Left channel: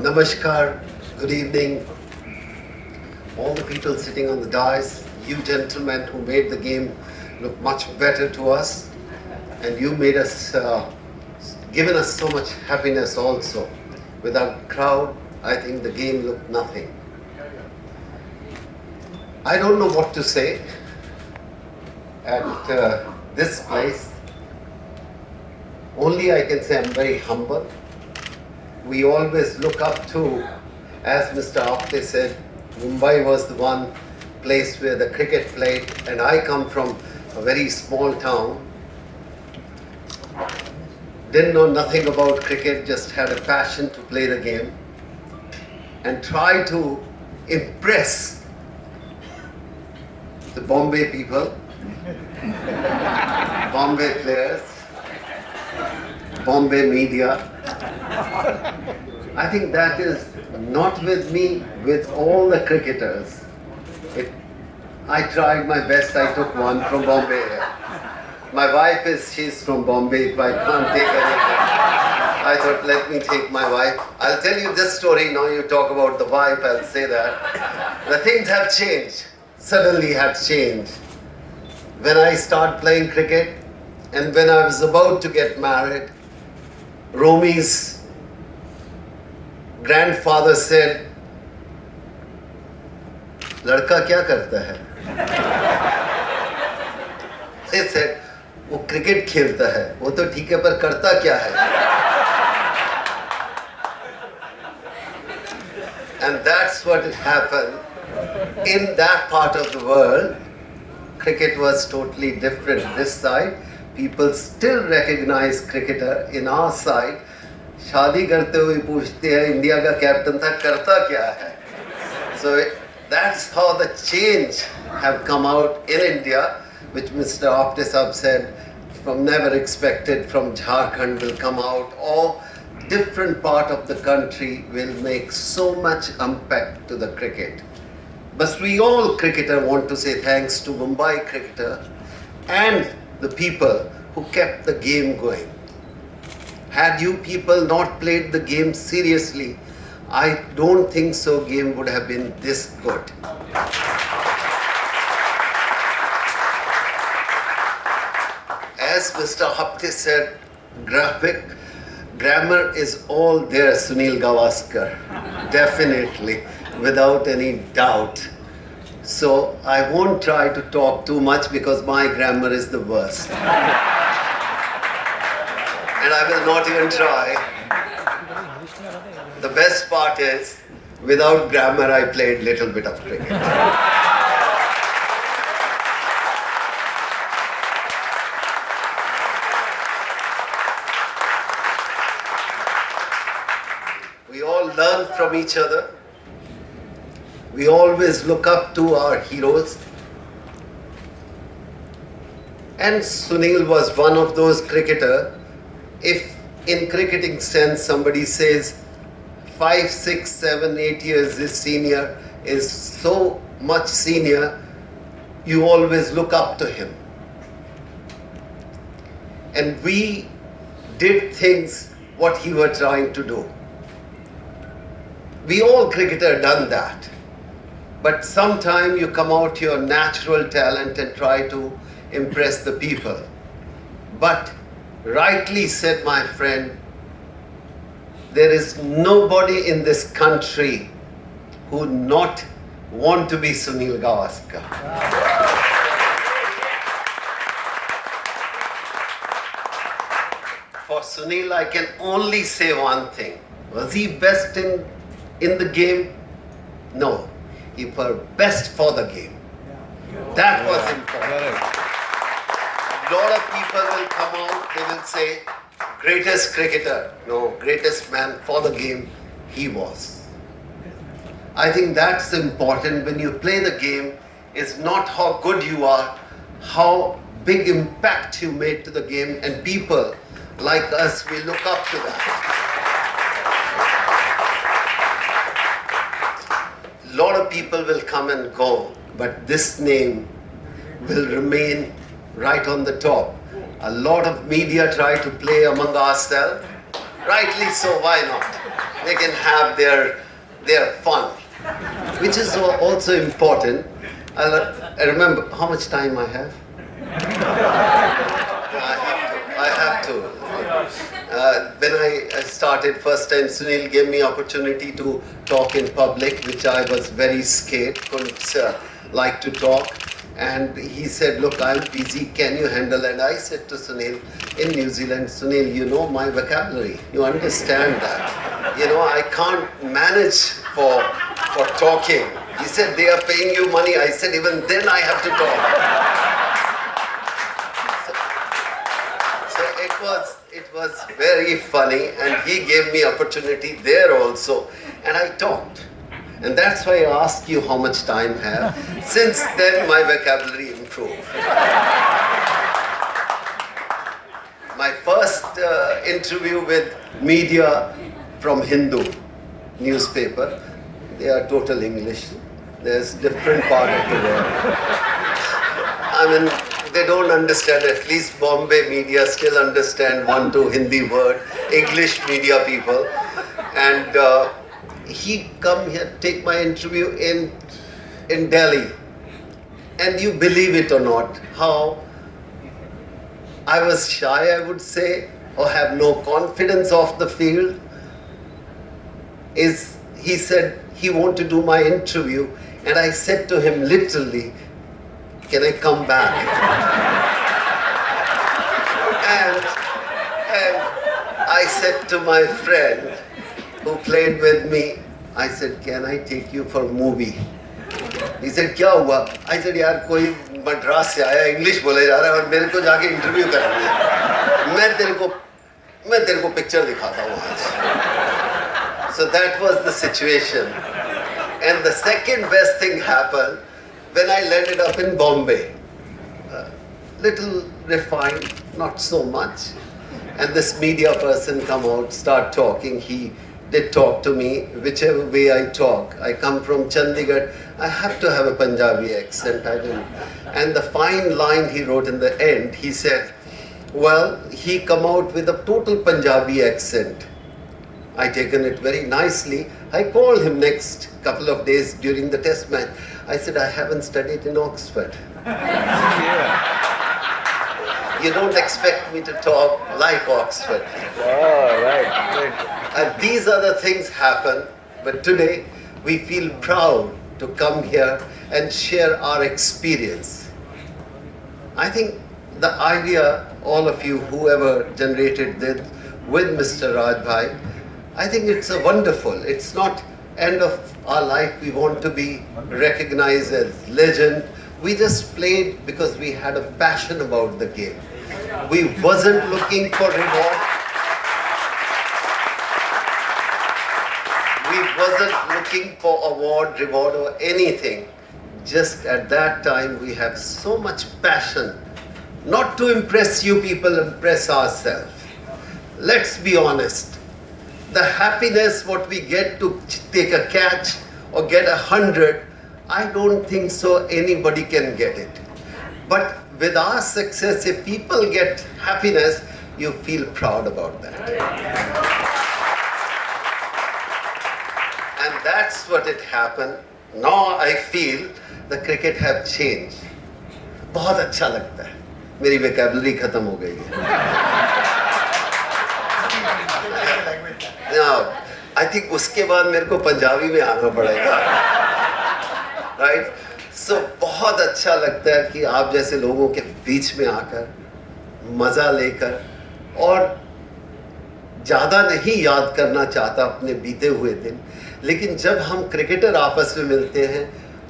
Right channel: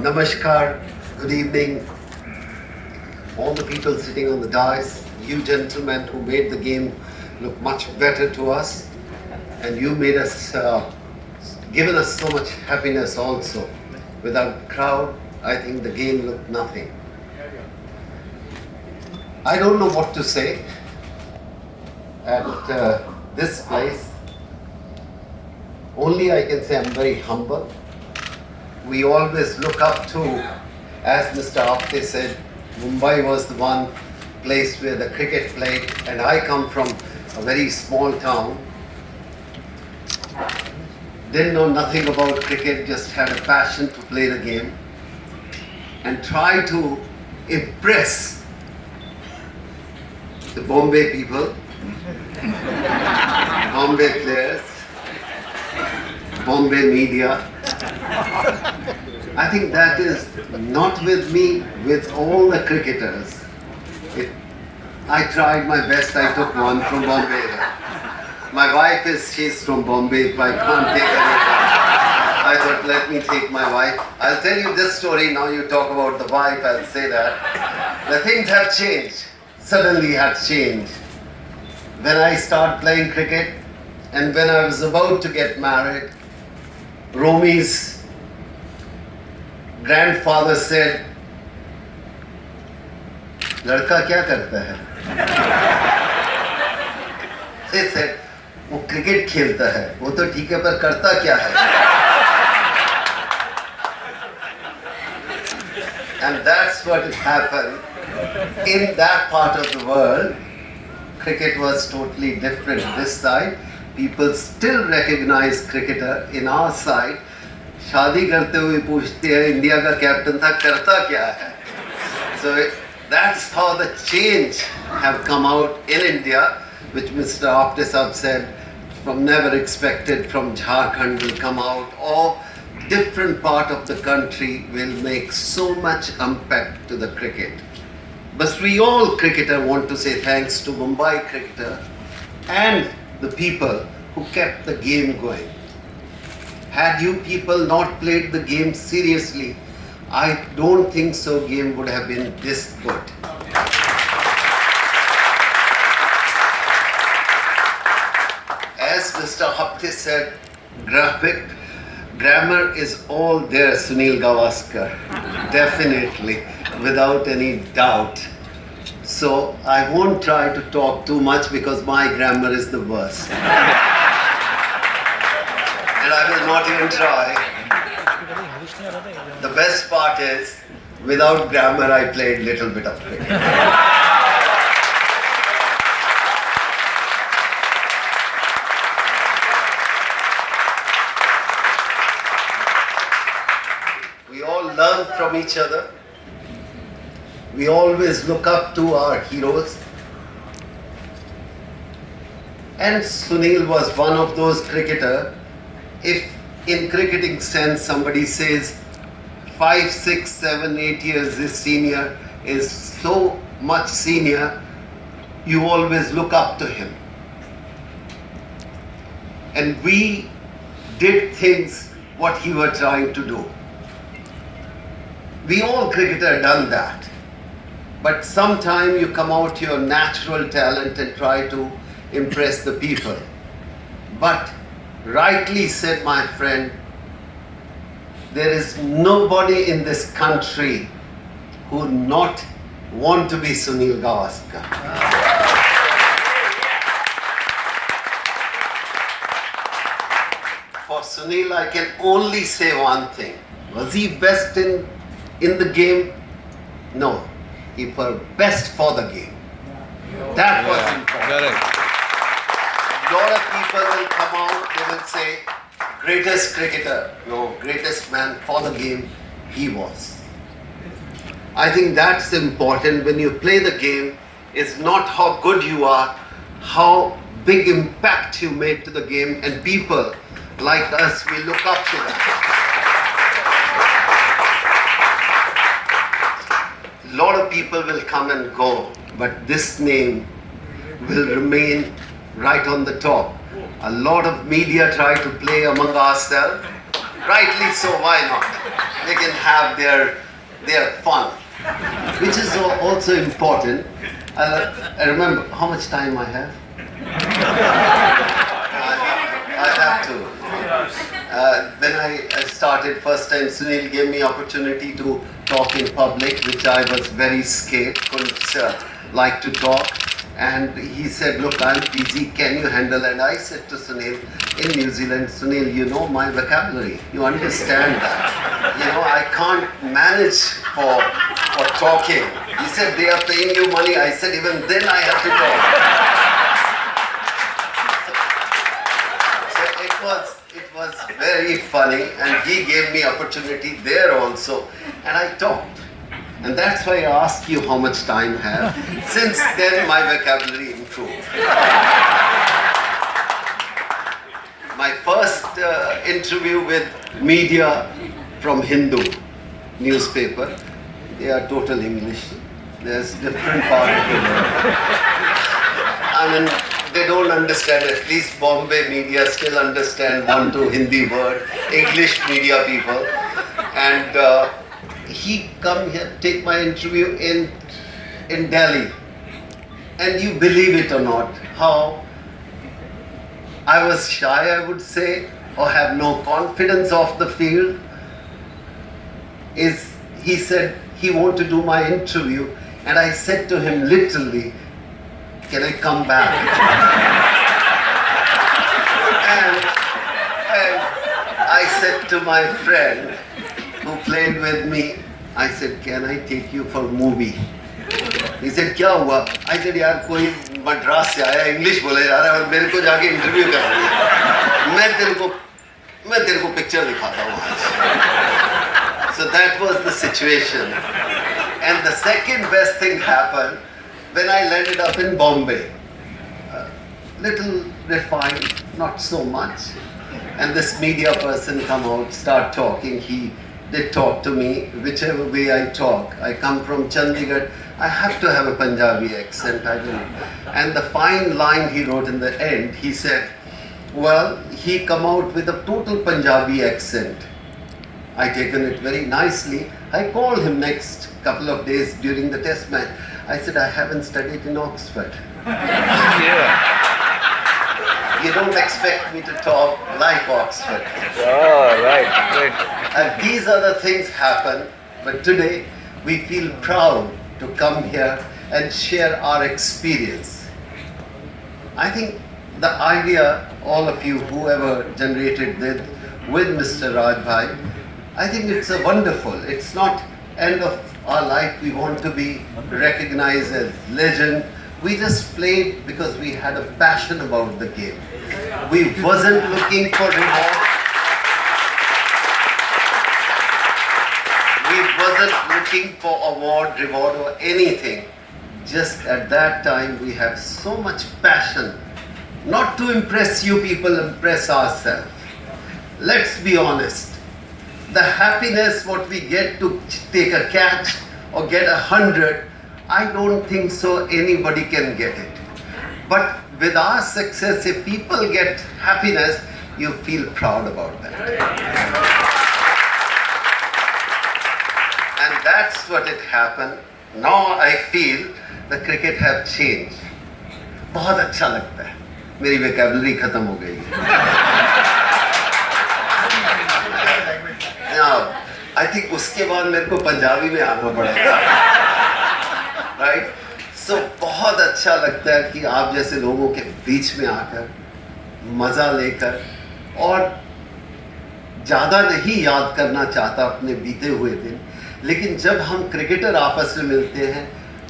Namaskar, good evening, all the people sitting on the dais, you gentlemen who made the game look much better to us, and you made us, given us so much happiness also. Without crowd, I think the game looked nothing. I don't know what to say at this place. Only I can say I'm very humble. We always look up to, as Mr. Apte said, Mumbai was the one place where the cricket played, and I come from a very small town. Didn't know nothing about cricket, just had a passion to play the game and try to impress the Bombay people, Bombay players, Bombay media. I think that is not with me, with all the cricketers. I tried my best, I took one from Bombay. My wife she's from Bombay, if I can't take anything. I thought, let me take my wife. I'll tell you this story, now you talk about the wife, I'll say that. The things have changed, suddenly had changed. When I started playing cricket, and when I was about to get married, Romi's grandfather said, "Ladka kya karta hai?" He said, "वो cricket खेलता है, वो तो ठीक है पर करता क्या है?" And that's what happened. In that part of the world, cricket was totally different. This side, people still recognize cricketer. In our side, शादी करते हुए पूछते हैं इंडिया का कैप्टन था करता क्या है. So that's how the change have come out in India, which Mr. Apte Sahab said, from never expected from Jharkhand will come out, or different part of the country will make so much impact to the cricket. But we all cricketer want to say thanks to Mumbai cricketer and the people who kept the game going. Had you people not played the game seriously, I don't think so game would have been this good. As Mr. Apte said, grammar is all there, Sunil Gavaskar. Definitely, without any doubt. So I won't try to talk too much because my grammar is the worst. And I will not even try. The best part is, without grammar, I played little bit of cricket. We all learn from each other. We always look up to our heroes. And Sunil was one of those cricketers. If in cricketing sense somebody says 5, 6, 7, 8 years is senior, is so much senior, you always look up to him. And we did things what he was trying to do. We all cricketer done that. But sometime you come out your natural talent and try to impress the people. But rightly said my friend, there is nobody in this country who not want to be Sunil Gavaskar. For Sunil, I can only say one thing. Was he best in the game? No. He was best for the game. That was important. A lot of people will come out, they will say, greatest cricketer. No, greatest man for the game, he was. I think that's important when you play the game. It's not how good you are, how big impact you made to the game, and people like us, we look up to that. A lot of people will come and go, but this name will remain right on the top. A lot of media try to play among ourselves. Rightly so, why not? They can have their fun, which is also important. I remember how much time I have. I have to. When I started first time, Sunil gave me opportunity to talk in public, which I was very scared, couldn't like to talk. And he said, look, I'm busy, can you handle? And I said to Sunil, in New Zealand, Sunil, you know my vocabulary, you understand that. You know, I can't manage for talking. He said, they are paying you money. I said, even then I have to talk. So it was very funny, and he gave me opportunity there also, and I talked. And that's why I asked you how much time I have. Since then, my vocabulary improved. My first interview with media from Hindu newspaper, they are total English. There's different part of the world. I mean, they don't understand, at least Bombay media still understand 1-2 Hindi word, English media people. And he come here, take my interview in Delhi. And you believe it or not, how I was shy, I would say, or have no confidence of the field, is he said he wanted to do my interview, and I said to him literally, can I come back? and I said to my friend who played with me, I said, can I take you for a movie? He said, क्या हुआ? I said, यार कोई मद्रास से आया, English बोले जा रहा है और मेरे को जाके इंटरव्यू कर रही है। मैं तेरे को पिक्चर दिखाता हूँ आज। So that was the situation. And the second best thing happened when I landed up in Bombay. Little refined, not so much. And this media person come out, start talking. He did talk to me, whichever way I talk. I come from Chandigarh. I have to have a Punjabi accent. I don't. And the fine line he wrote in the end, he said, well, he come out with a total Punjabi accent. I taken it very nicely. I called him next couple of days during the test match. I said, I haven't studied in Oxford. Yeah. You don't expect me to talk like Oxford. Oh, right, great. And these other things happen, but today we feel proud to come here and share our experience. I think the idea, all of you, whoever generated this with Mr. Rajbhai, I think it's a wonderful. It's not end of our life. We want to be recognized as legend. We just played because we had a passion about the game. We wasn't looking for reward. We wasn't looking for award, reward or anything. Just at that time we had so much passion. Not to impress you people, impress ourselves. Let's be honest. The happiness what we get to take a catch or get 100, I don't think so anybody can get it. But with our success, if people get happiness, you feel proud about that. And that's what it happened. Now I feel the cricket have changed. बहुत अच्छा लगता है. मेरी vocabulary खत्म हो गई है. Now, I think उसके बाद मेरे को पंजाबी में आना पड़ेगा. Right? So बहुत अच्छा लगता है कि आप जैसे लोगों के बीच में आकर मजा लेकर और ज़्यादा नहीं याद करना चाहता अपने बीते हुए दिन, लेकिन जब हम क्रिकेटर आपस में मिलते हैं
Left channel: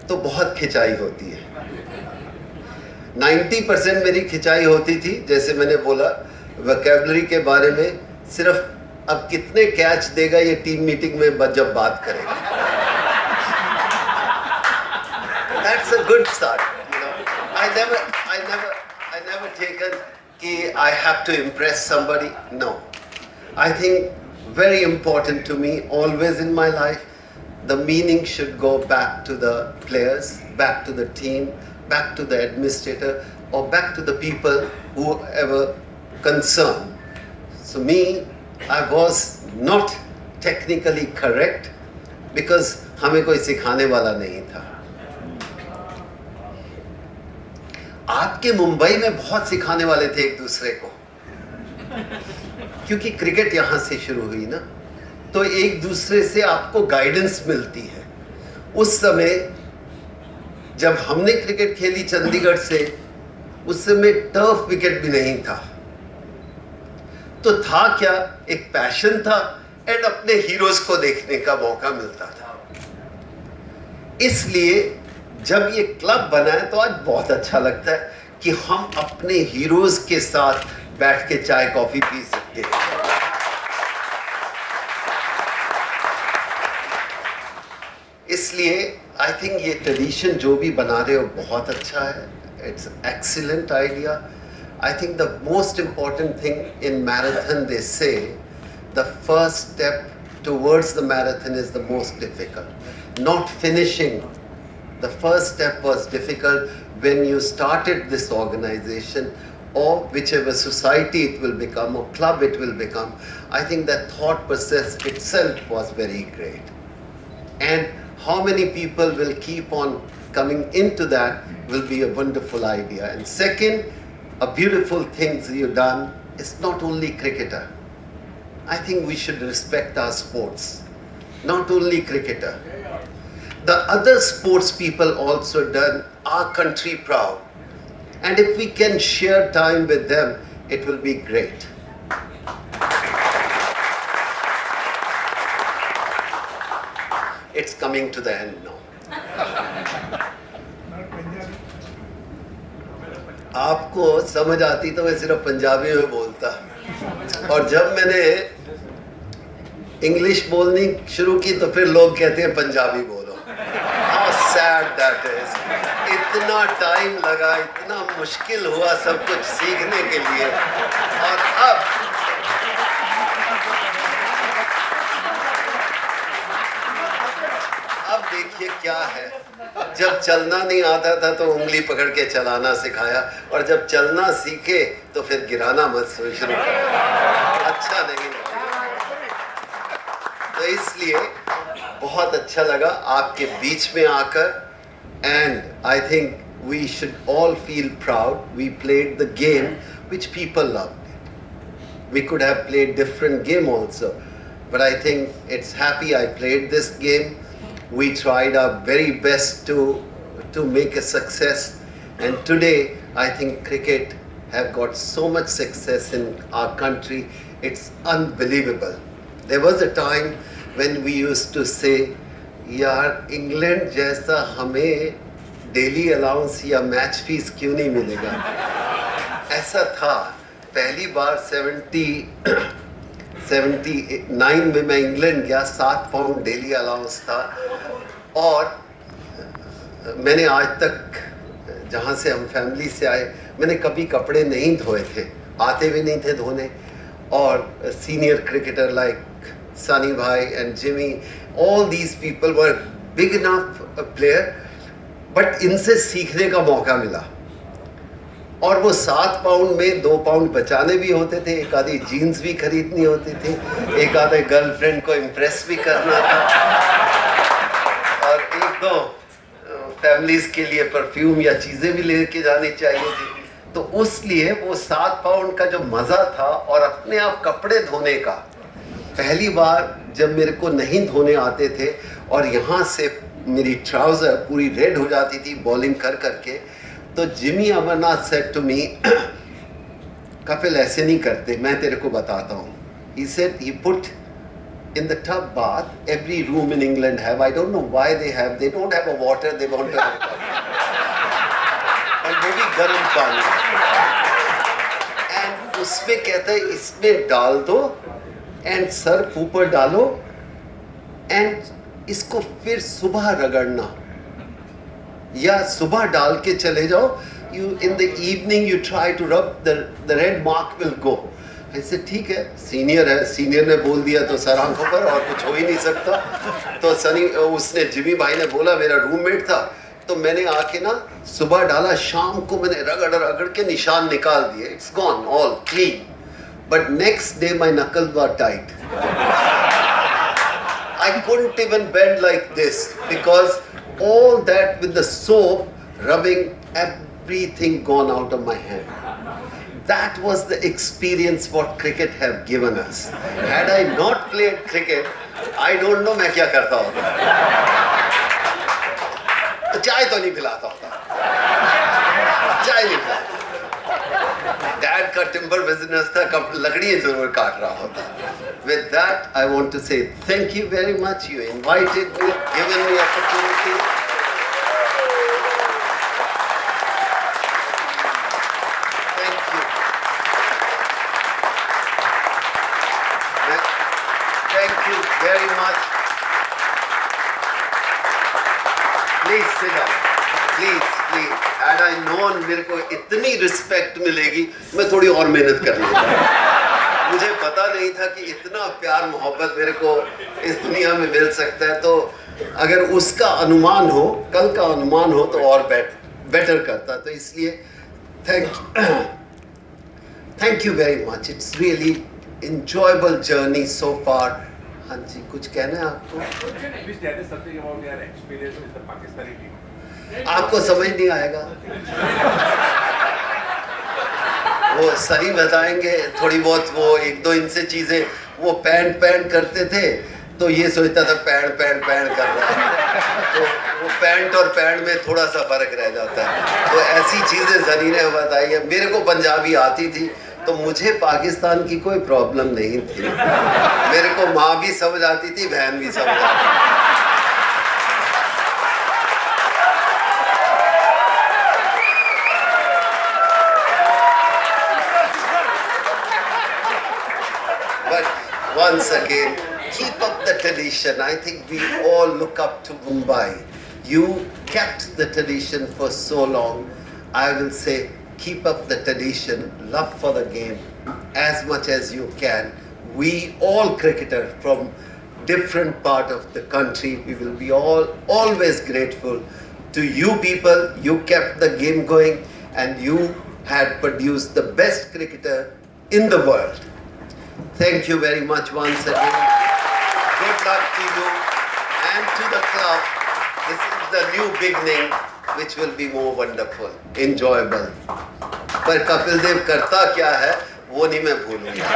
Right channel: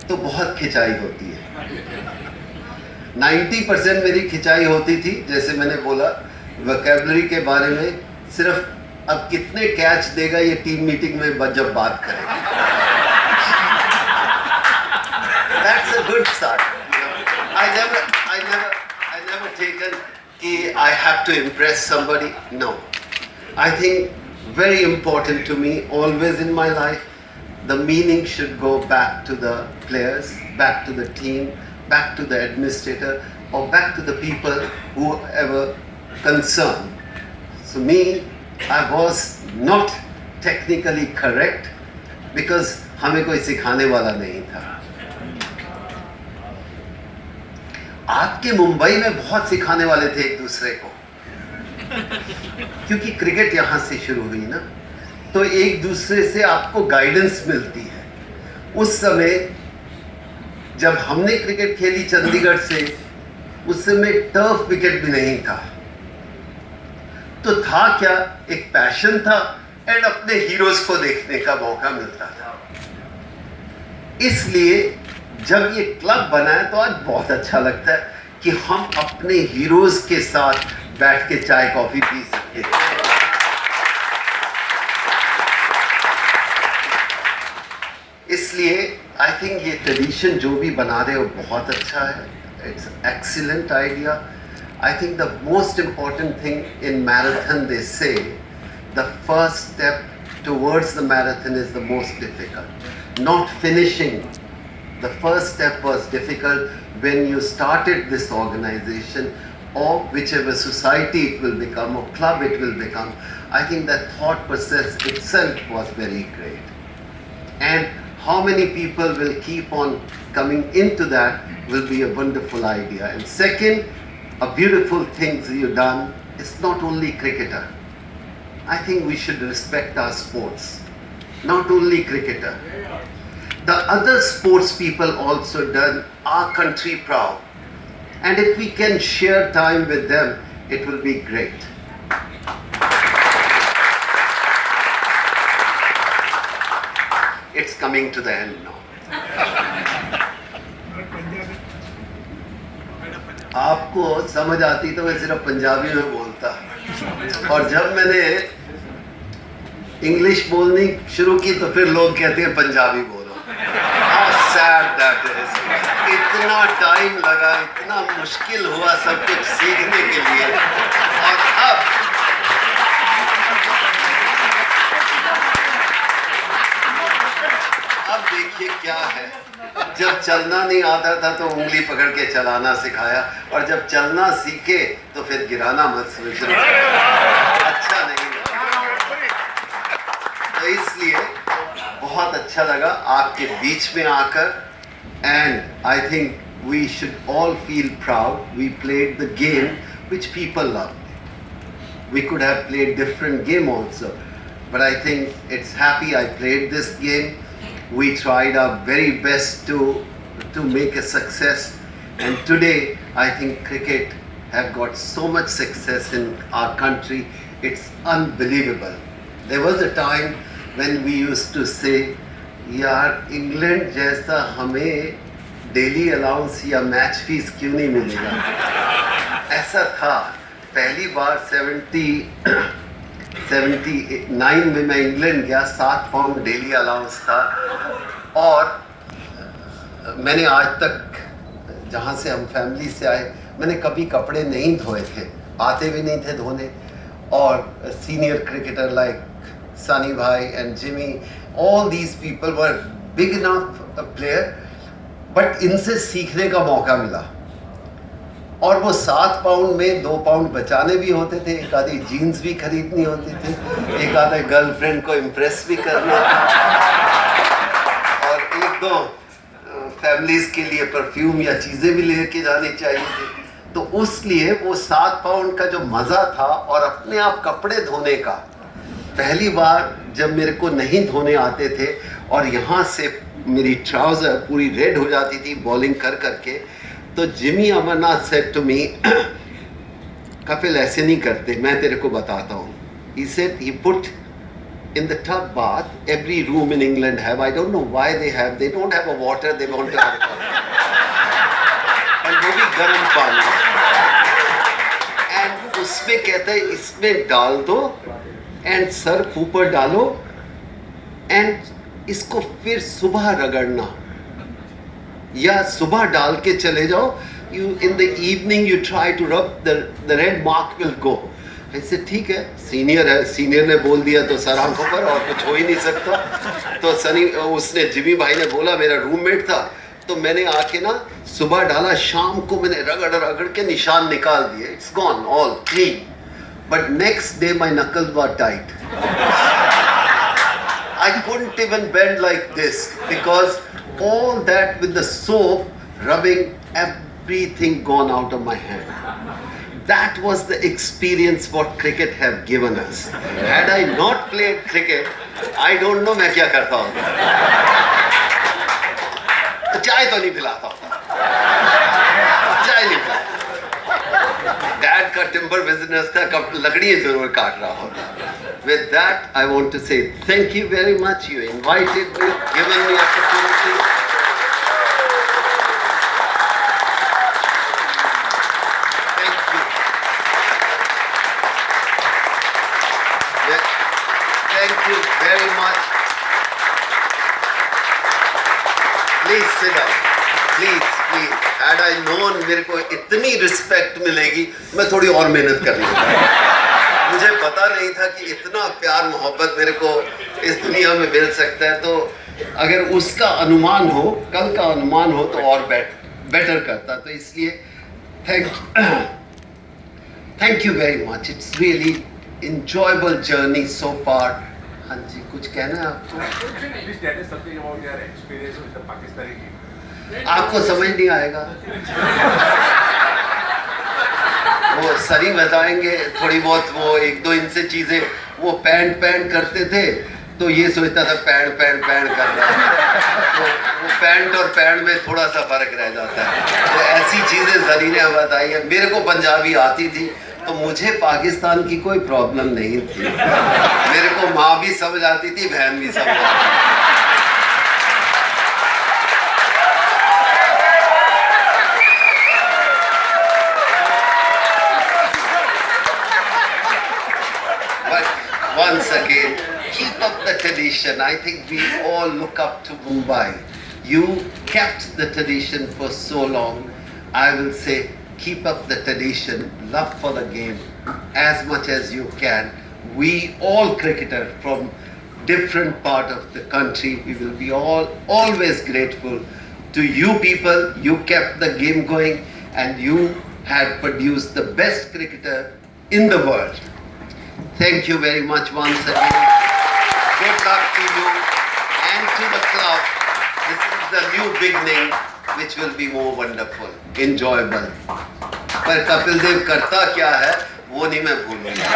तो बहुत खिंचाई होती है. 90% मेरी खिंचाई होती थी, जैसे मैंने बोला वोकैबुलरी के बारे में. सिर्फ अब कितने कैच देगा ये टीम मीटिंग में जब बात करेंगे. That's a good start. I never taken कि I have to impress somebody. No. I think very important to me always in my life, the meaning should go back to the players, back to the team, back to the administrator. or back to the people who were concerned. So me, I was not technically correct because हमें कोई सिखाने वाला नहीं था. आपके मुंबई में बहुत सिखाने वाले थे एक दूसरे को, क्योंकि क्रिकेट यहाँ से शुरू हुई ना, तो एक दूसरे से आपको गाइडेंस मिलती है. उस समय जब हमने क्रिकेट खेली चंडीगढ़ से, उस समय टर्फ विकेट भी नहीं था. तो था क्या, एक पैशन था एंड अपने हीरोज को देखने का मौका मिलता था. इसलिए जब ये क्लब बना है तो आज बहुत अच्छा लगता है कि हम अपने हीरोज के साथ बैठ के चाय कॉफी पी सकते हैं. इसलिए आई थिंक ये ट्रेडिशन जो भी बना रहे हो बहुत अच्छा है. It's excellent idea. I think the most important thing in marathon, they say, the first step towards the marathon is the most difficult. Not finishing. The first step was difficult when you started this organization, or whichever society it will become, or club it will become. I think that thought process itself was very great. And how many people will keep on coming into that will be a wonderful idea. And second, a beautiful thing you've done is not only cricketer. I think we should respect our sports. Not only cricketer. The other sports people also done our country proud. And if we can share time with them, it will be great. It's coming to the end now. आपको समझ आती तो मैं सिर्फ पंजाबी में बोलता, और जब मैंने इंग्लिश बोलनी शुरू की तो फिर लोग कहते हैं पंजाबी बोलो. How sad that is. इतना टाइम लगा, इतना मुश्किल हुआ सब कुछ सीखने के लिए, और अब देखिए क्या है. जब चलना नहीं आता था तो उंगली पकड़ के चलाना सिखाया, और जब चलना सीखे तो फिर गिराना मत शुरू अच्छा नहीं है. तो इसलिए बहुत अच्छा लगा आपके बीच में आकर. And I think we should all feel proud. We played the game which people love. We could have played different game also, but I think it's happy I played this game. We tried our very best to make a success, and today I think cricket have got so much success in our country. It's unbelievable. There was a time when we used to say, यार England जैसा हमें daily allowance या match fees क्यों नहीं मिलेगा. ऐसा था. पहली बार 79 में मैं इंग्लैंड गया, 7 पाउंड डेली अलाउंस था, और मैंने आज तक जहाँ से हम फैमिली से आए मैंने कभी कपड़े नहीं धोए थे, आते भी नहीं थे धोने. और सीनियर क्रिकेटर लाइक सनी भाई and Jimmy, all these people were big enough player, but इनसे सीखने का मौका मिला. और वो 7 पाउंड में 2 पाउंड बचाने भी होते थे, एक आधी जीन्स भी खरीदनी होती थी, एक आधे गर्लफ्रेंड को इम्प्रेस भी करना था, और 1-2 फैमिलीज के लिए परफ्यूम या चीज़ें भी लेके जानी चाहिए थी. तो उसलिए वो 7 पाउंड का जो मज़ा था, और अपने आप कपड़े धोने का, पहली बार जब मेरे को नहीं धोने आते थे और यहाँ से मेरी ट्राउज़र पूरी रेड हो जाती थी बॉलिंग कर करके, तो Jimmy Amarnath said to me, Kapil ऐसे नहीं करते, मैं तेरे को बताता हूँ. He said he put in the tub bath, every room in England have, I don't know why they don't have a water, they want to have and वो भी गर्म पानी, and उसमें कहता है इसमें डाल दो एंड सर्फ ऊपर डालो, एंड इसको फिर सुबह रगड़ना, या सुबह डाल के चले जाओ. You in the evening you try to rub the red mark will go. ऐसे ठीक है, सीनियर है, सीनियर ने बोल दिया तो सर आंखों पर, और कुछ हो ही नहीं सकता. तो सनी उसने जिमी भाई ने बोला, मेरा रूममेट था, तो मैंने आके ना सुबह डाला, शाम को मैंने रगड़ रगड़ के निशान निकाल दिए. It's gone all clean. But next day my knuckles were tight. I couldn't even bend like this because all that with the soap rubbing, everything gone out of my hand. That was the experience what cricket have given us. Had I not played cricket, I don't know मैं क्या करता होता. चाय तो नहीं पिलाता होता. चाय नहीं पिलाता. डैड का टिम्बर बिजनेस था, कब लकड़ी जरूर काट रहा होता. With that, I want to say thank you very much. You invited me, given me opportunity. Thank you. Thank you very much. Please sit down. Please, please. Had I known मेरे को इतनी रिस्पेक्ट मिलेगी, मैं थोड़ी और मेहनत कर लेता. मुझे पता नहीं था कि इतना प्यार मोहब्बत मेरे को इस दुनिया में मिल सकता है. तो अगर उसका अनुमान हो, कल का अनुमान हो, तो और बेटर करता. तो इसलिए thank you very much. It's really enjoyable journey so far. हाँ जी, कुछ कहना है आपको? Please tell us something about your experience with the Pakistani team. आपको समझ नहीं आएगा. वो सरी बताएंगे थोड़ी बहुत. वो एक दो इनसे चीजें, वो पैंट करते थे तो ये सोचता था पैंट कर रहा है. तो वो पैंट और पैंट में थोड़ा सा फर्क रह जाता है. तो ऐसी चीजें सरी ने बताई है. मेरे को पंजाबी आती थी तो मुझे पाकिस्तान की कोई प्रॉब्लम नहीं थी. मेरे को माँ भी समझ आती थी, बहन भी समझ आती थी. Once again, keep up the tradition. I think we all look up to Mumbai. You kept the tradition for so long. I will say, keep up the tradition, love for the game as much as you can. We all cricketers from different part of the country, we will be always grateful to you people. You kept the game going and you had produced the best cricketer in the world. Thank you very much once again. Good luck to you and to the club. This is the new beginning which will be more wonderful, enjoyable. पर कपिल देव करता क्या है वो नहीं मैं भूलूंगा.